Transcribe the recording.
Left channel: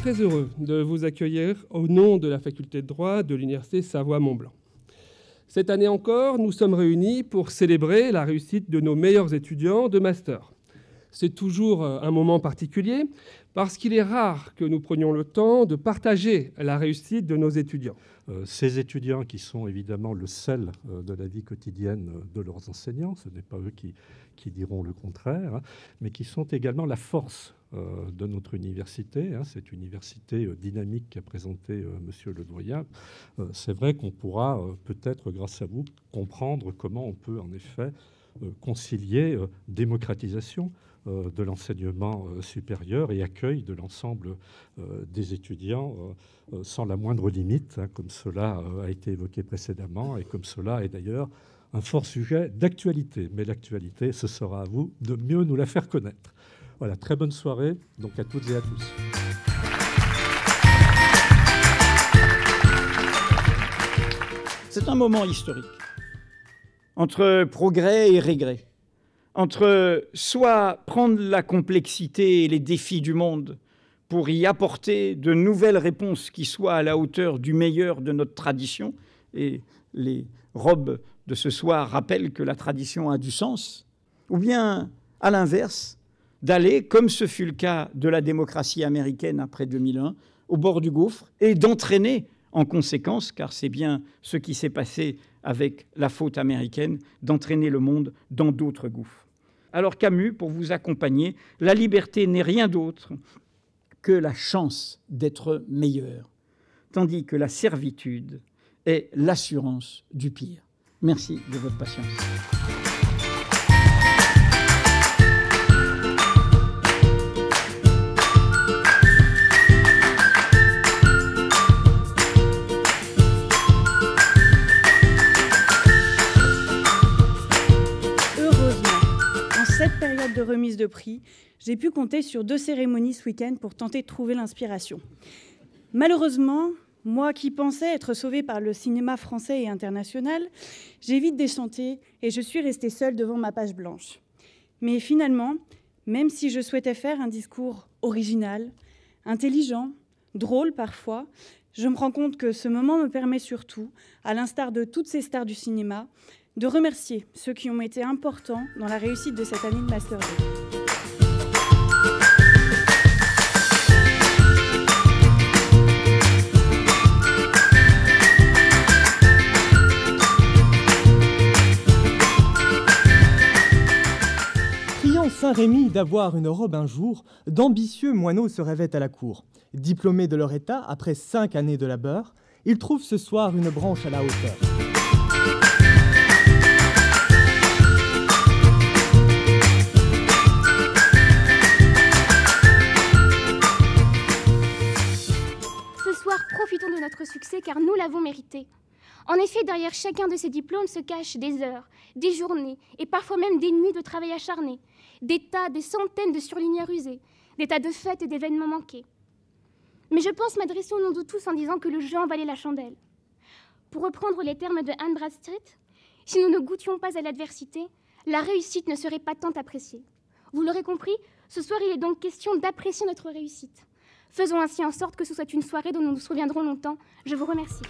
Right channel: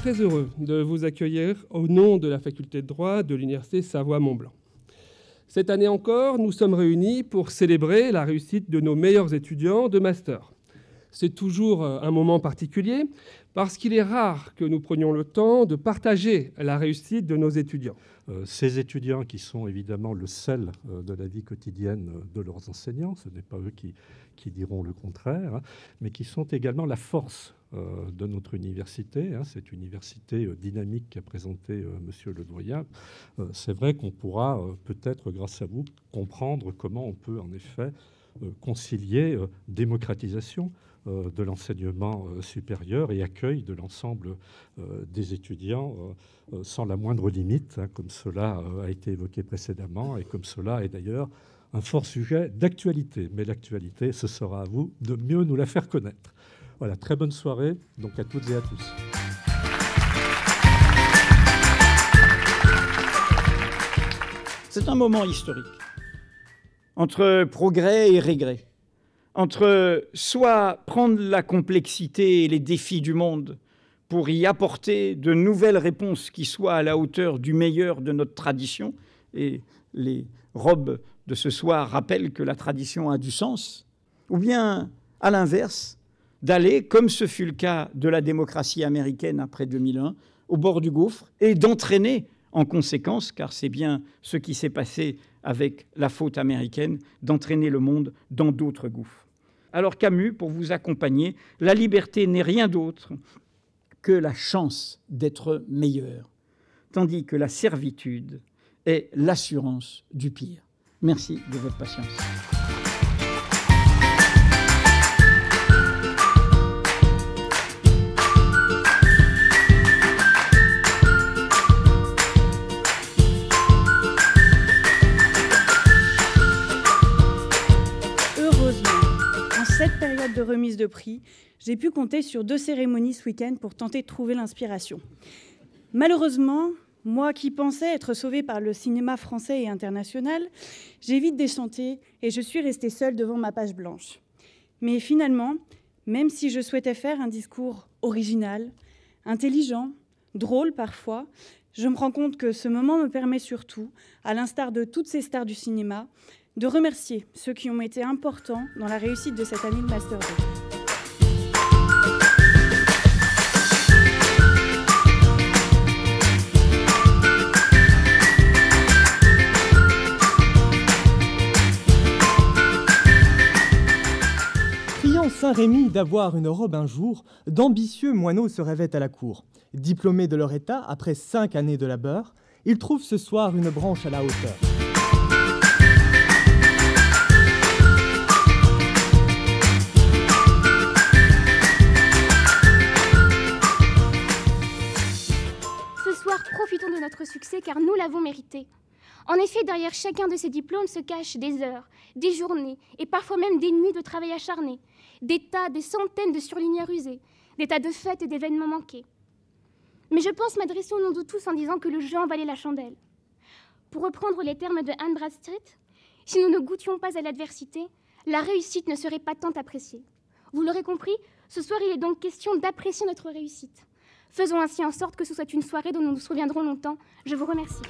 très heureux de vous accueillir au nom de la faculté de droit de l'Université Savoie-Mont-Blanc. Cette année encore, nous sommes réunis pour célébrer la réussite de nos meilleurs étudiants de master. C'est toujours un moment particulier parce qu'il est rare que nous prenions le temps de partager la réussite de nos étudiants. Ces étudiants qui sont évidemment le sel de la vie quotidienne de leurs enseignants, ce n'est pas eux qui diront le contraire, hein, mais qui sont également la force de notre université, hein, cette université dynamique qu'a présenté Monsieur le doyen. C'est vrai qu'on pourra peut-être, grâce à vous, comprendre comment on peut en effet concilier démocratisation de l'enseignement supérieur et accueil de l'ensemble des étudiants sans la moindre limite, hein, comme cela a été évoqué précédemment et comme cela est d'ailleurs un fort sujet d'actualité. Mais l'actualité, ce sera à vous de mieux nous la faire connaître. Voilà, très bonne soirée donc à toutes et à tous. C'est un moment historique, entre progrès et régrès, entre soit prendre la complexité et les défis du monde pour y apporter de nouvelles réponses qui soient à la hauteur du meilleur de notre tradition, et les robes de ce soir rappellent que la tradition a du sens, ou bien, à l'inverse, d'aller, comme ce fut le cas de la démocratie américaine après 2001, au bord du gouffre et d'entraîner en conséquence, car c'est bien ce qui s'est passé avec la faute américaine, d'entraîner le monde dans d'autres gouffres. Alors Camus, pour vous accompagner, la liberté n'est rien d'autre que la chance d'être meilleur, tandis que la servitude est l'assurance du pire. Merci de votre patience. En cette période de remise de prix, j'ai pu compter sur 2 cérémonies ce week-end pour tenter de trouver l'inspiration. Malheureusement, moi qui pensais être sauvée par le cinéma français et international, j'ai vite déchanté et je suis restée seule devant ma page blanche. Mais finalement, même si je souhaitais faire un discours original, intelligent, drôle parfois, je me rends compte que ce moment me permet surtout, à l'instar de toutes ces stars du cinéma, de remercier ceux qui ont été importants dans la réussite de cette année de Master 2. Priant Saint-Rémy d'avoir une robe un jour, d'ambitieux moineaux se rêvaient à la cour. Diplômés de leur état, après 5 années de labeur, ils trouvent ce soir une branche à la hauteur. Profitons de notre succès car nous l'avons mérité. En effet, derrière chacun de ces diplômes se cachent des heures, des journées et parfois même des nuits de travail acharné, des centaines de surligneurs usés, des tas de fêtes et d'événements manqués. Mais je pense m'adresser au nom de tous en disant que le jeu en valait la chandelle. Pour reprendre les termes de Anne Bradstreet, si nous ne goûtions pas à l'adversité, la réussite ne serait pas tant appréciée. Vous l'aurez compris, ce soir il est donc question d'apprécier notre réussite. Faisons ainsi en sorte que ce soit une soirée dont nous nous souviendrons longtemps. Je vous remercie.